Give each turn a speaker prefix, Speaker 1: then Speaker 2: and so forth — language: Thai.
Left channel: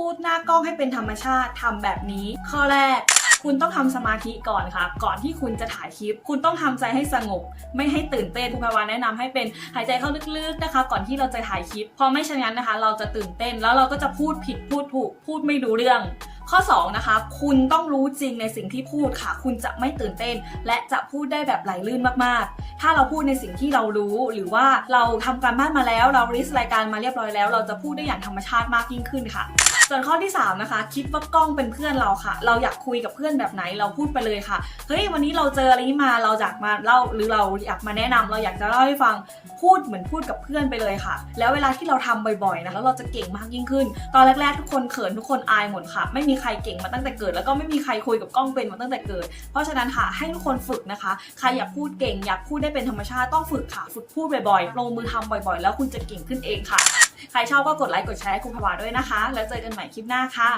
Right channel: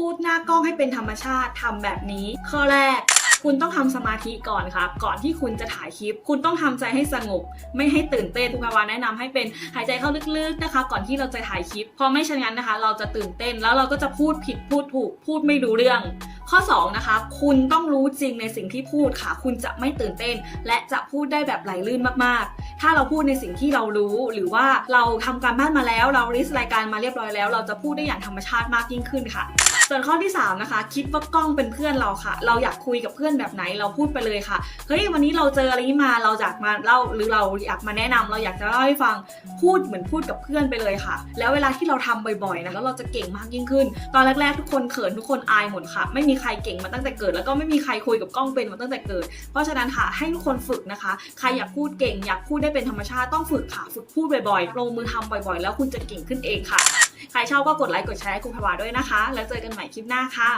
Speaker 1: พูดหน้ากล้องให้เป็นธรรมชาติทำแบบนี้ ข้อแรกคุณต้องทำสมาธิก่อนค่ะ ก่อนที่คุณจะถ่ายคลิป คุณต้องทำใจให้สงบ ไม่ให้ตื่นเต้นอุปวาแนะนำให้เป็นหายใจเข้าลึกๆนะคะ ก่อนที่เราจะถ่ายคลิป เพราะไม่เช่นนั้นนะคะ เราจะตื่นเต้นแล้วเราก็จะพูดผิดพูดถูกพูดไม่รู้เรื่อง ข้อ2นะคะ คุณต้องรู้จริงในสิ่งที่พูดค่ะ คุณจะไม่ตื่นเต้น และจะพูดได้แบบไหลลื่นมากๆ ถ้าเราพูดในสิ่งที่เรารู้หรือว่าเราทำการบ้านมาแล้ว เราริสรายการมาเรียบร้อยแล้ว เราจะพูดได้อย่างธรรมชาติมากยิ่งขึ้นค่ะ ส่วนข้อที่ 3 นะคะ คิดว่ากล้องเป็นเพื่อนเราค่ะ เราอยากคุยกับเพื่อนแบบไหนเราพูดไปเลยค่ะเฮ้ยวันนี้เราเจออะไรมาเราอยากมาเล่าหรือเราอยากมาแนะนำเราอยากจะเล่าให้ฟังพูดเหมือนพูดกับเพื่อนไปเลยค่ะ แล้วเวลาที่เราทำบ่อยๆนะแล้วเราจะเก่งมากยิ่งขึ้น ตอนแรกๆทุกคนเขินทุกคนอายหมดค่ะ ไม่มีใครเก่งมาตั้งแต่เกิด แล้วก็ไม่มีใครคุยกับกล้องเป็นมาตั้งแต่เกิด เพราะฉะนั้นค่ะให้ทุกคนฝึกนะคะ ใครอยากพูดเก่งอยากพูดได้เป็นธรรมชาติต้องฝึกค่ะ ฝึกพูดบ่อยๆ ลงมือทำบ่อยๆ แล้วคุณจะเก่งขึ้นเองค่ะ ใครชอบก็กดไลค์กดแชร์ให้คุณพวาด้วยนะคะ แล้วเจอกันใหม่คลิปหน้าค่ะ